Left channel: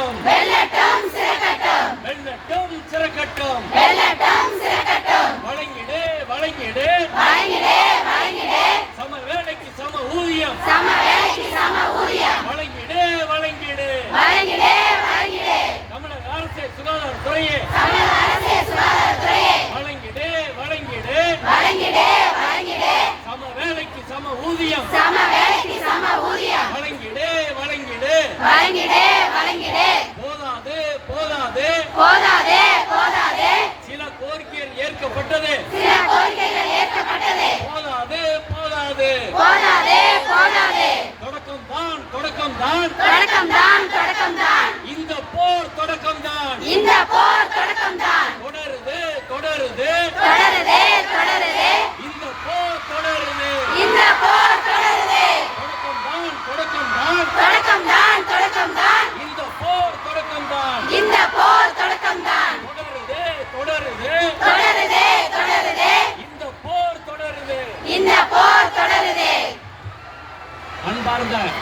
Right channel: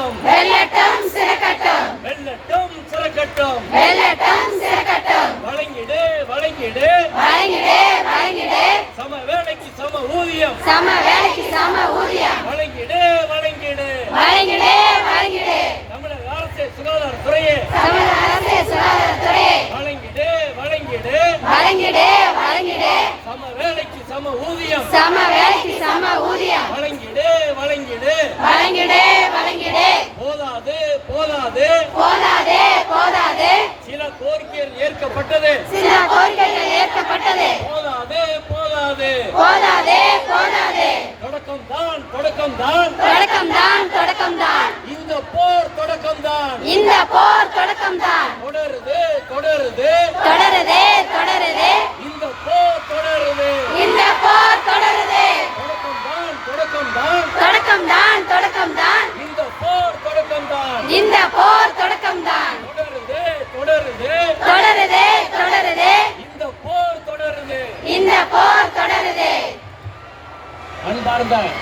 சிறக்கட்டும் வெள்ளட்டும் சிறக்கட்டும். வெள்ளட்டும் சிறக்கட்டும். வெள்ளட்டும் சிறக்கட்டும். வழங்கிடு வழங்கிடு. வழங்கிடு வழங்கிடு. சம வேலைக்கு சம ஊதியம். சம வேலைக்கு சம ஊதியம். வழங்கிடு வழங்கிடு. வழங்கிடு வழங்கிடு. தமிழக அரசு சுகாதாரத்துறையே தமிழக அரசு சுகாதாரத்துறையை வழங்கிடு வழங்கிடு. வழங்கிடு வழங்கிடு. சம வேலைக்கு சம ஊதியம். சம வேலைக்கு சம ஊதியம். வழங்கிடு வழங்கிடு. வழங்கிடு போதாது போதாது போதாது போதாது சில கோரிக்கைகள் ஏற்கப்பட்டது. சில கோரிக்கைகள் ஏற்கப்பட்டது. போதாது போதாது. போதாது போதாது. தொடக்கம் தான் தொடக்கம் தான் தொடக்கம் தான் தொடக்கம் தான் இந்த போர் தொடக்கம் தான் இந்த போர் தொடக்கம் தான் தொடருது अनुपारदा है